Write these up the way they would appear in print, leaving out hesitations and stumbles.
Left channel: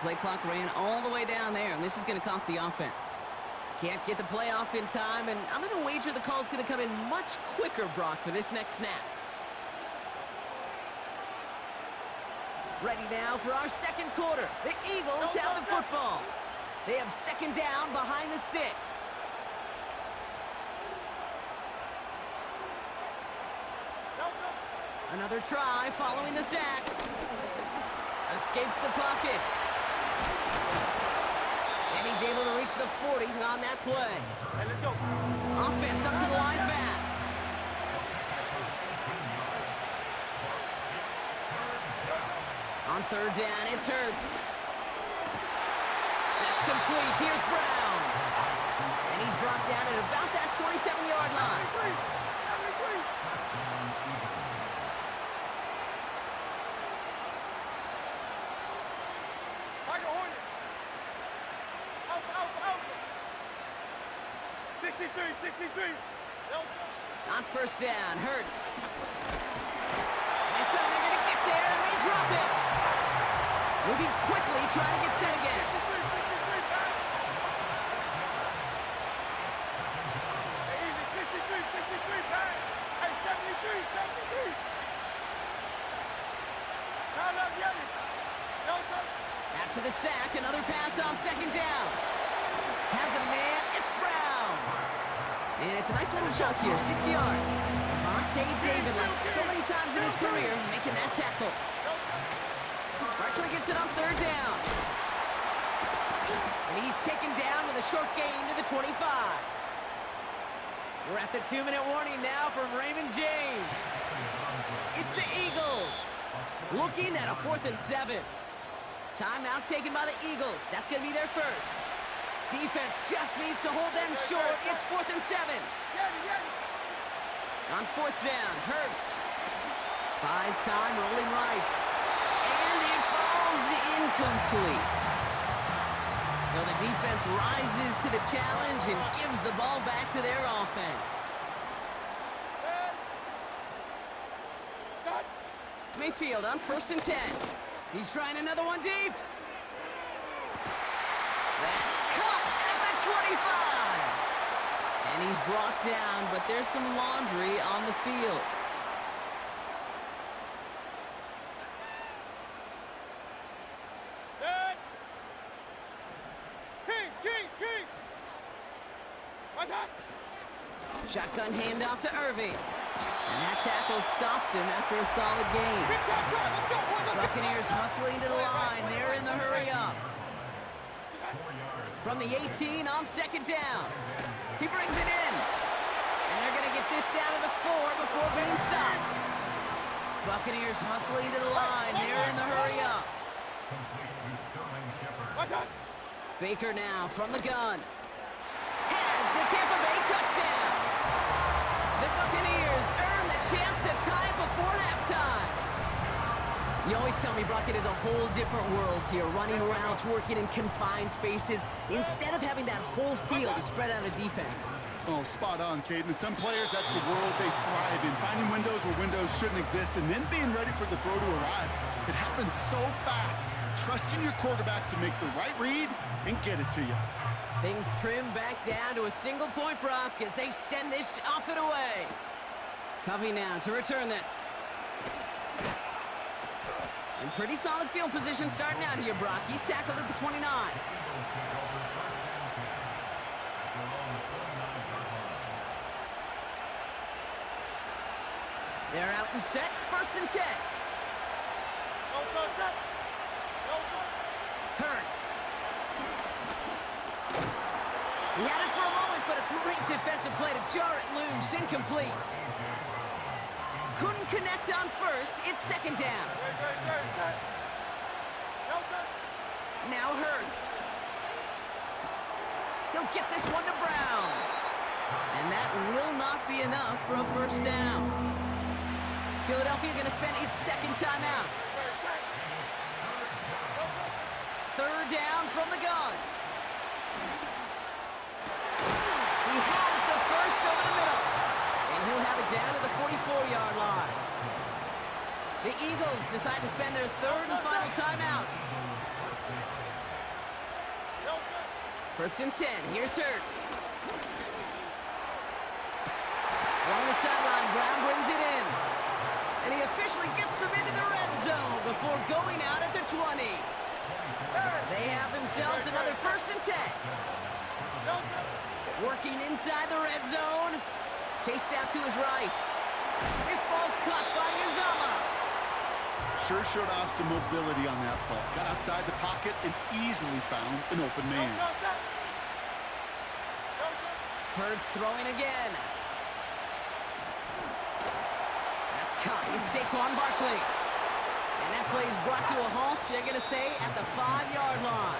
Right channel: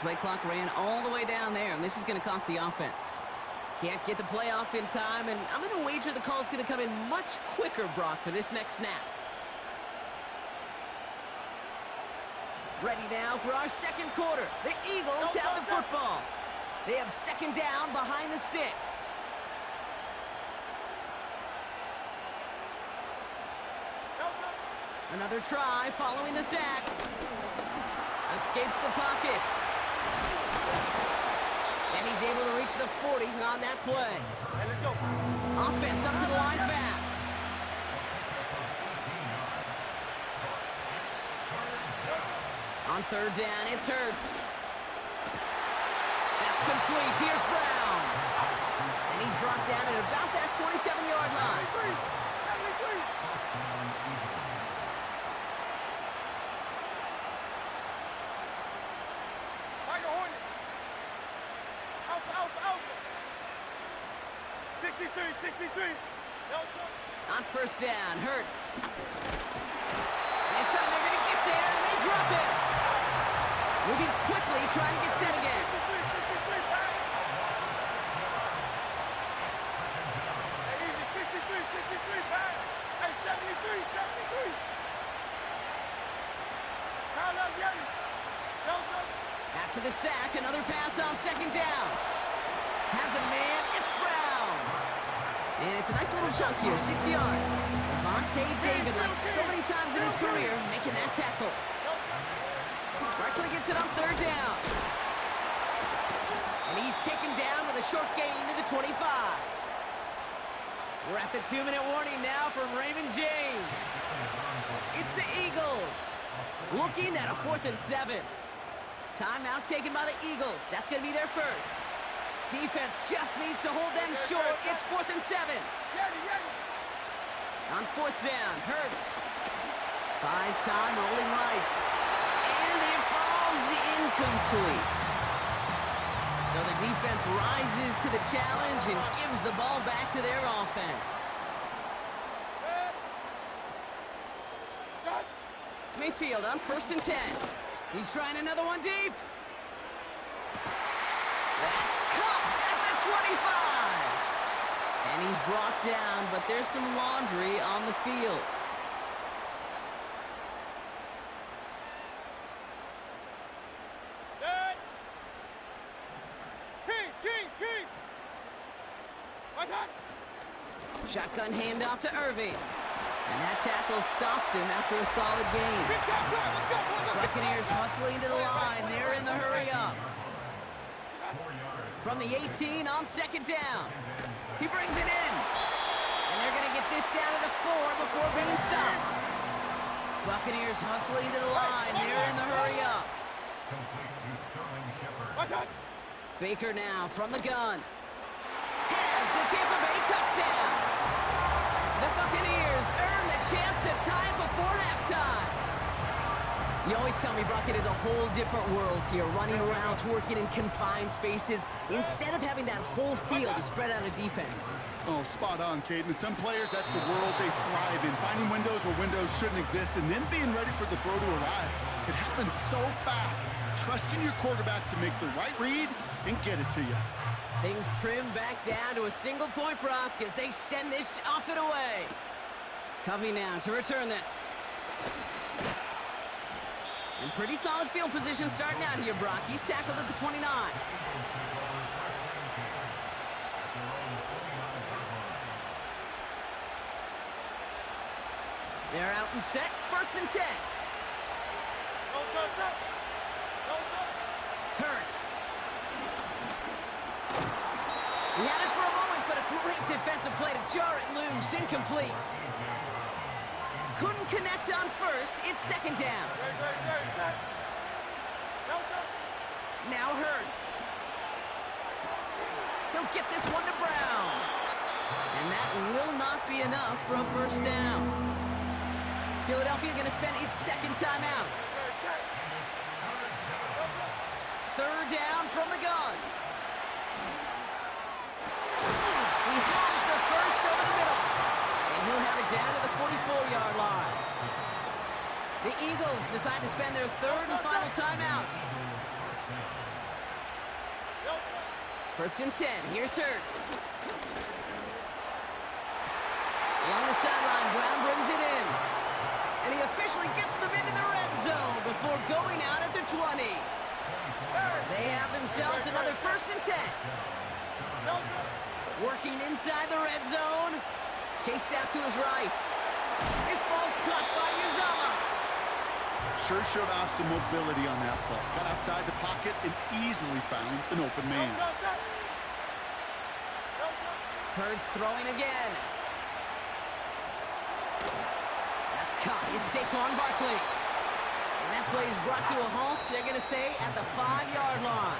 Play clock ran all the way down there, and this is going to cost the offense. Can't get the play off in time, and I'm going to wager the call's going to come in much quicker, Brock, for this next snap. Ready now for our second quarter. The Eagles have the football. They have second down behind the sticks. Another try following the sack. Escapes the pocket. And he's able to reach the 40 on that play. Hey, let's go. Offense up to the line fast. On third down, it's Hurts. That's complete. Here's Brown. And he's brought down at about that 27-yard line. Tiger Hornet. Alpha, alpha, alpha. 63, 63. Delta. On first down, Hurts. And this time they're going to get there, and they drop him. Moving quickly, trying to get set again. 63, 63, pass. Hey, easy. 63, 63, pass. Hey, 73, 73. Kyle up, Yeti. Delta. After the sack, another pass on second down. Has a man, it's Brown. And it's a nice little chunk here, 6 yards. Vontae David, like so many times in his career, making that tackle. Barkley gets it on third down. And he's taken down with a short gain to the 25. We're at the 2-minute warning now from Raymond James. It's the Eagles, looking at a 4th and 7. Timeout taken by the Eagles. That's going to be their first. Defense just needs to hold them short. It's 4th and 7. On fourth down, Hurts buys time, rolling right. And it falls incomplete. So the defense rises to the challenge and gives the ball back to their offense. Mayfield on 1st and 10. He's trying another one deep. That's cut at the 25. And he's brought down, but there's some laundry on the field. Kings. What's that? Shotgun handoff to Irving. And that tackle stops him after a solid gain. Buccaneers hustling to the line. They're in the hurry up. From the 18 on second down. He brings it in. And they're going to get this down to the 4 before being stopped. Buccaneers hustling to the line. They're in the hurry up. Baker now from the gun. Has the Tampa Bay touchdown. The Buccaneers earn the chance to tie before halftime. You always tell me, Brock, it is a whole different world here, running routes, working in confined spaces, instead of having that whole field to spread out a defense. Oh, spot on, Caden. Some players, that's the world they thrive in, finding windows where windows shouldn't exist, and then being ready for the throw to arrive. It happens so fast. Trusting your quarterback to make the right read and get it to you. Things trim back down to a single point, Brock, as they send this off and away. Covey now to return this. And pretty solid field position starting out here, Brock. He's tackled at the 29. They're out and set, 1st and 10. Hurts. He had it for a moment, but a great defensive play to jar it loose. Incomplete. Couldn't connect on first. It's second down. Now Hurts. He'll get this one to Brown. And that will not be enough for a first down. Philadelphia going to spend its second timeout. Third down from the gun. He has the first over the middle. And he'll have it down to the 44-yard line. The Eagles decide to spend their third and final timeout. First and 10. Here's Hurts. Along the sideline, Brown brings it in. And he officially gets them into the red zone before going out at the 20. They have themselves another first and 10. Working inside the red zone. Chased out to his right. This ball's caught by Uzama. Sure showed off some mobility on that play. Got outside the pocket and easily found an open man. Hurts throwing again. That's caught. It's Saquon Barkley. And that play is brought to a halt, they're going to say, at the 5-yard line.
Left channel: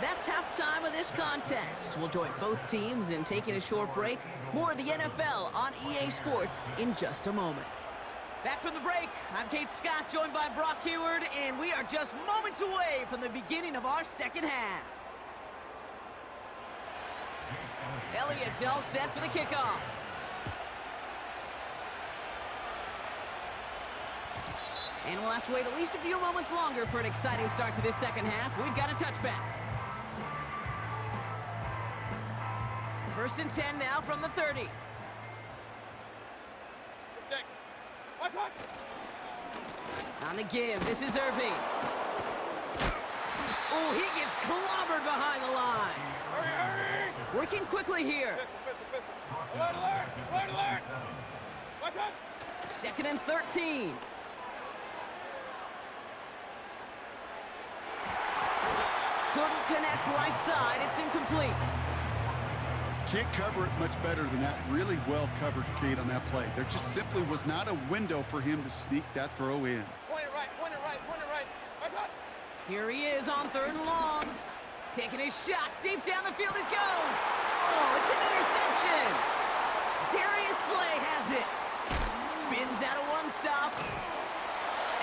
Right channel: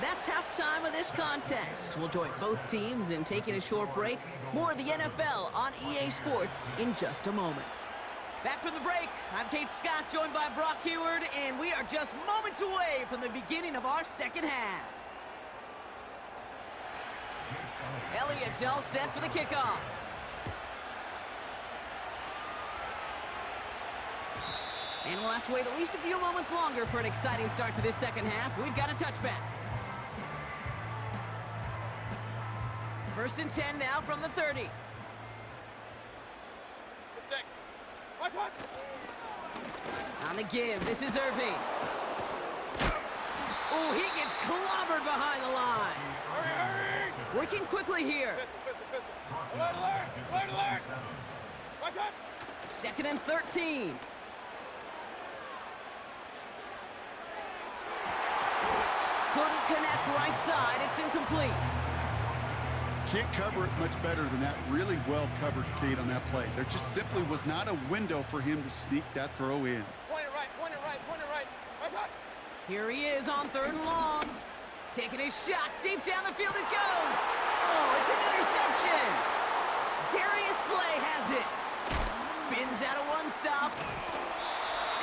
That's halftime of this contest. We'll join both teams in taking a short break. More of the NFL on EA Sports in just a moment. Back from the break, I'm Kate Scott, joined by Brock Heward, and we are just moments away from the beginning of our second half. Elliott's all set for the kickoff. And we'll have to wait at least a few moments longer for an exciting start to this second half. We've got a touchback. First and 10 now from the 30. On the give, this is Irving. Oh, he gets clobbered behind the line. Hurry! Working quickly here. Alert! Second and 13. Couldn't connect right side. It's incomplete. Can't cover it much better than that. Really well covered, Kate, on that play. There just simply was not a window for him to sneak that throw in. Point it right. Here he is on 3rd and long. Taking his shot. Deep down the field it goes. Oh, it's an interception. Darius Slay has it. Spins out of one stop.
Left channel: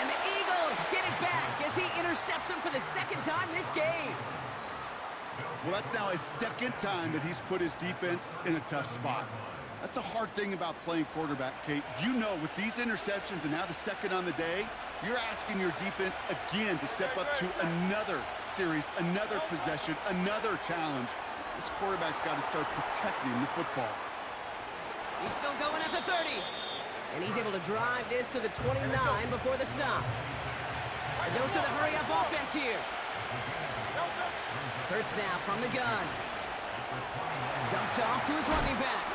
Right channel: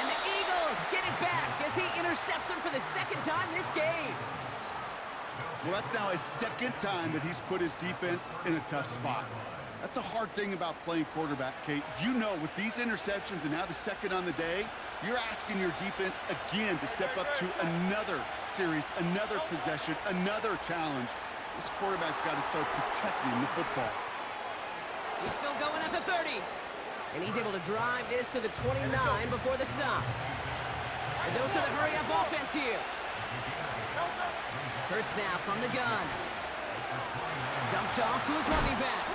And the Eagles get it back as he intercepts him for the second time this game. Well, that's now his second time that he's put his defense in a tough spot. That's a hard thing about playing quarterback, Kate. You know, with these interceptions and now the second on the day, you're asking your defense again to step up to another series, another possession, another challenge. This quarterback's got to start protecting the football. He's still going at the 30. And he's able to drive this to the 29 before the stop. A dose of the hurry-up offense here. Hurts now from the gun. Dumped off to his running back.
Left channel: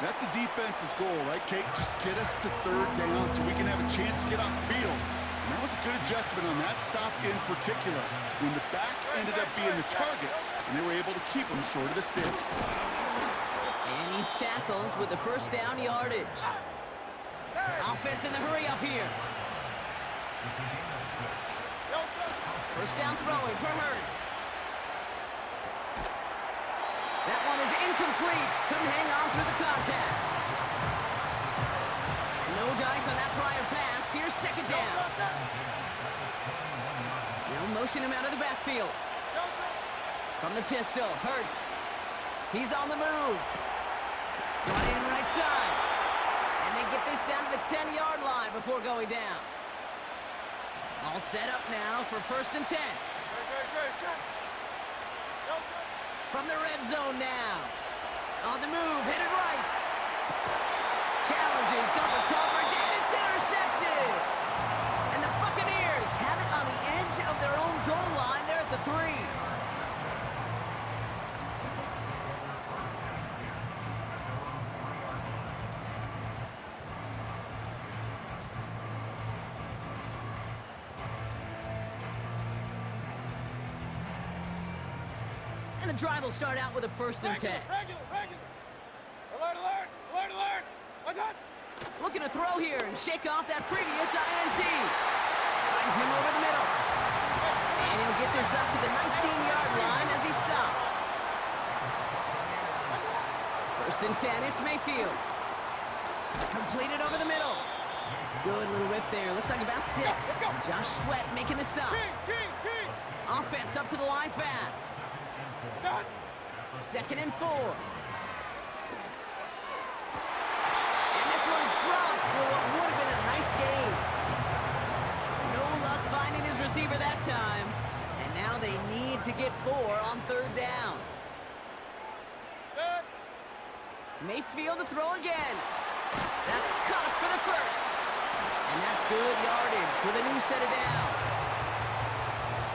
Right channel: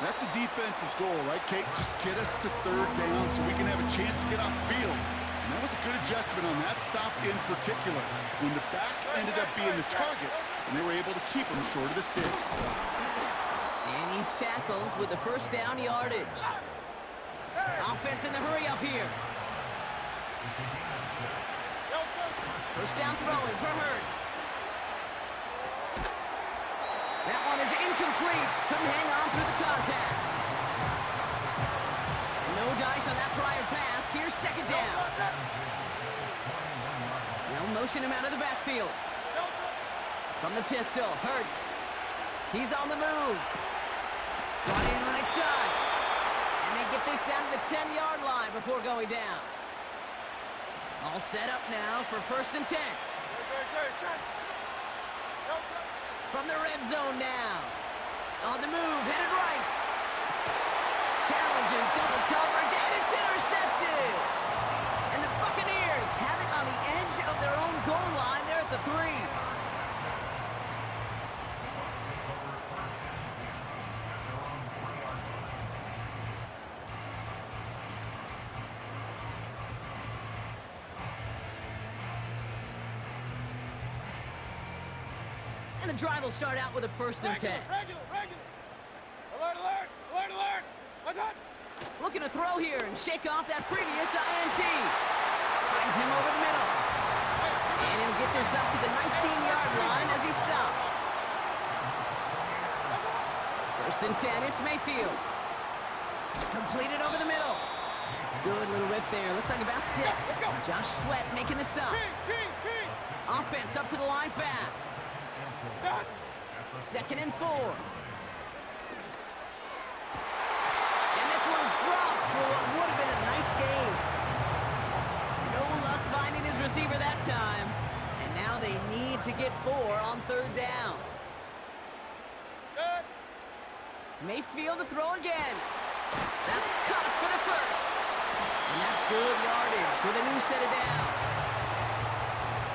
That's a defense's goal, right, Kate? Just get us to 3rd down so we can have a chance to get off the field. And that was a good adjustment on that stop in particular, when the back ended up being the target, and they were able to keep him short of the sticks. And he's tackled with the first down yardage. Offense in the hurry-up here. First down throwing for Hurts. That one is incomplete. Couldn't hang on through the contact. No dice on that prior pass. Here's second down. Now motion him out of the backfield. From the pistol, Hurts. He's on the move. Brought in right side. And they get this down to the 10-yard line before going down. All set up now for first and 10. From the red zone now. On the move, headed right. Challenges double coverage, and it's intercepted. And the Buccaneers have it on the edge of their own goal line there at the 3. And the drive will start out with a first and 10. Regular. Alert. What's up? Looking to throw here and shake off that previous INT. Finds him over the middle. And he'll get this up to the 19-yard line as he stopped. First and 10, it's Mayfield. Completed over the middle. Good little rip there. Looks like about 6. Josh Sweat making the stop. Offense up to the line fast. Second and 4. And this one's dropped for what would have been a nice game. No luck finding his receiver that time. And now they need to get 4 on 3rd down. Good. Mayfield to throw again. That's caught for the first. And that's good yardage with a new set of downs.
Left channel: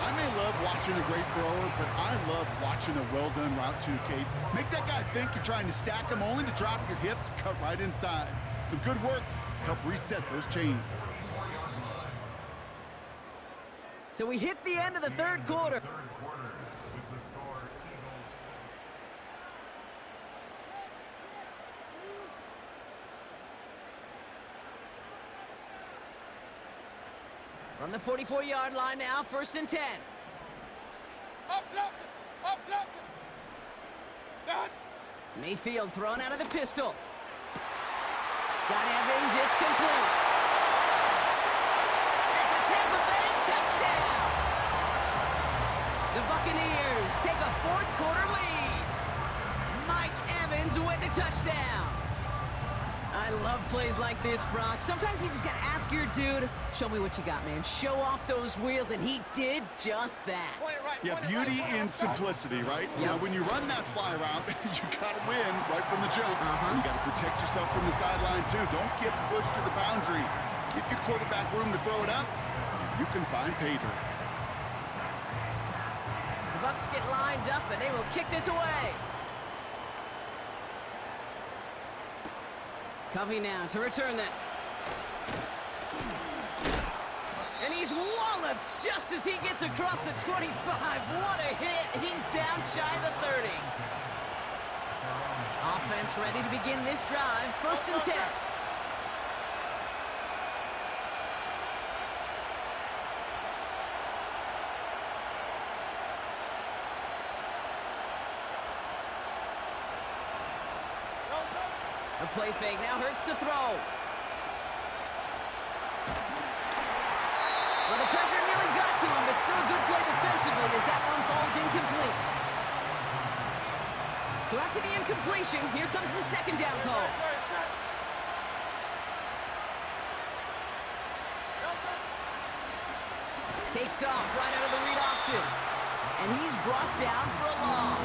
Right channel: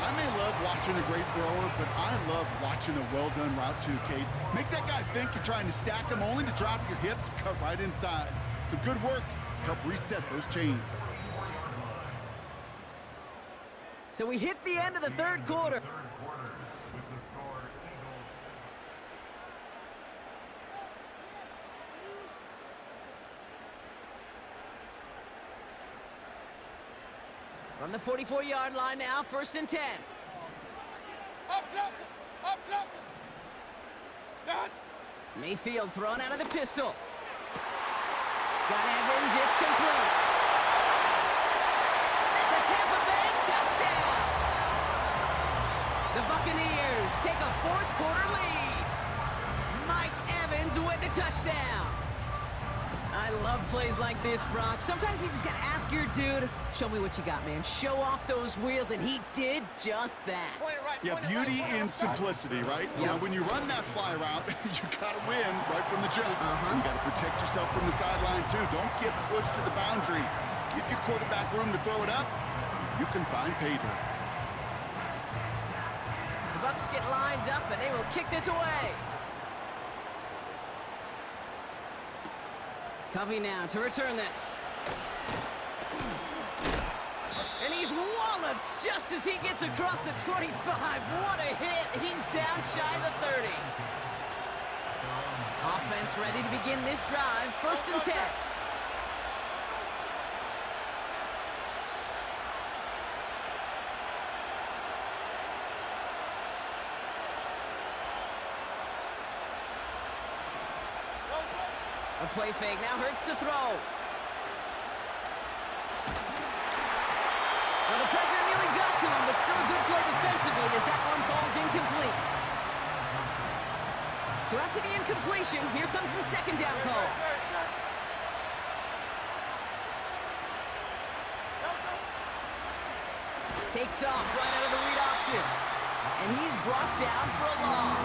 I may love watching a great thrower, but I love watching a well-done route too, Kate. Make that guy think you're trying to stack him only to drop your hips, cut right inside. Some good work to help reset those chains. So we hit the end of the 3rd quarter. From the 44-yard line now, 1st and 10. Up close. Up close. Done. Mayfield thrown out of the pistol. Got Evans, it's complete. It's a Tampa Bay touchdown. The Buccaneers take a 4th quarter lead. Mike Evans with the touchdown. I love plays like this, Brock. Sometimes you just gotta ask your dude, show me what you got, man. Show off those wheels, and he did just that. Yeah, beauty in simplicity, right? You know, when you run that fly route, you gotta win right from the jump. You gotta protect yourself from the sideline, too. Don't get pushed to the boundary. Give your quarterback room to throw it up. You can find pay dirt. The Bucs get lined up, and they will kick this away. Covey now to return this. And he's walloped just as he gets across the 25. What a hit. He's down shy of the 30. Offense ready to begin this drive. 1st and 10. A play fake now hurts to throw. Well, the pressure nearly got to him, but still a good play defensively as that one falls incomplete. So after the incompletion, here comes the 2nd down call. Takes off right out of the read option. And he's brought down for a loss.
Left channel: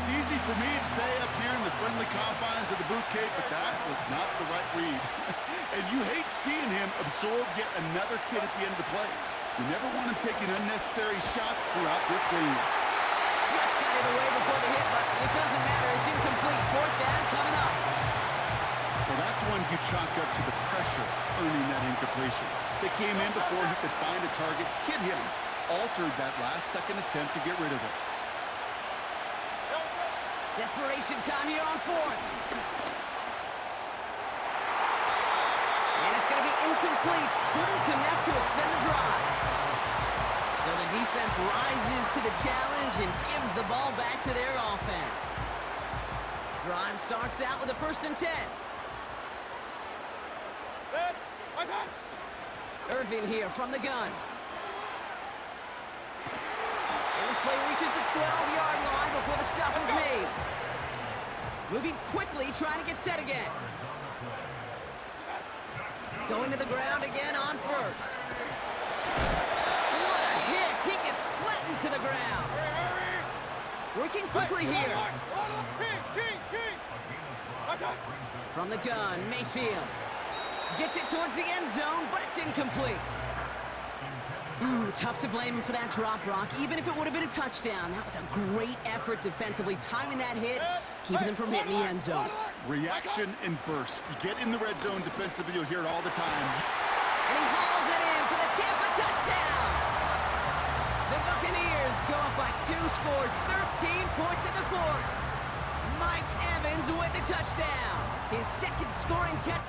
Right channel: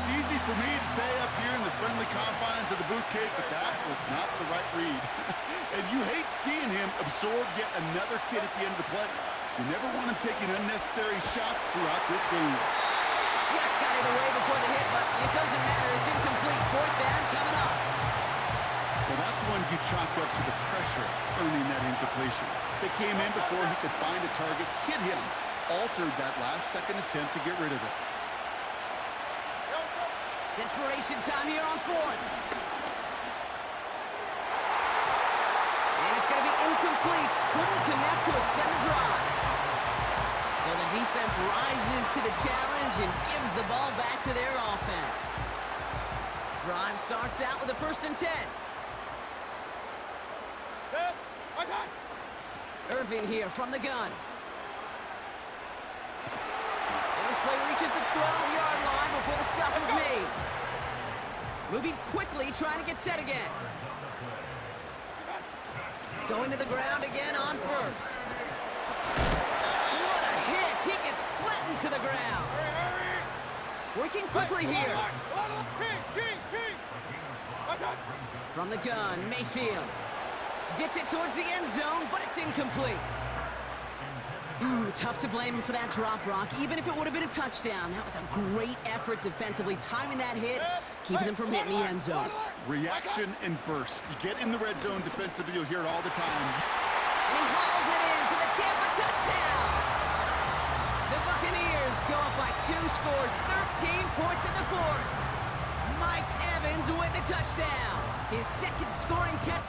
It's easy for me to say up here in the friendly confines of the booth, Kate, but that was not the right read. And you hate seeing him absorb yet another hit at the end of the play. You never want him taking unnecessary shots throughout this game. Just got it away before the hit, but it doesn't matter. It's incomplete. 4th down coming up. Well, that's one you chalk up to the pressure earning that incompletion. They came in before he could find a target, hit him, altered that last-second attempt to get rid of it. Desperation time here on 4th. And it's going to be incomplete. Couldn't connect to extend the drive. So the defense rises to the challenge and gives the ball back to their offense. Drive starts out with a 1st and 10. Irving here from the gun. And this play reaches the 12-yard line before the stop is made. Moving quickly, trying to get set again. Going to the ground again on 1st. What a hit! He gets flattened to the ground. Working quickly here. From the gun, Mayfield. Gets it towards the end zone, but it's incomplete. Tough to blame him for that drop, Brock. Even if it would have been a touchdown, that was a great effort defensively, timing that hit, keeping them from hitting the end zone. Reaction and burst. You get in the red zone defensively, you'll hear it all the time. And he hauls it in for the Tampa touchdown. The Buccaneers go up by 2 scores, 13 points in the 4th. Mike Evans with the touchdown. His 2nd scoring catch.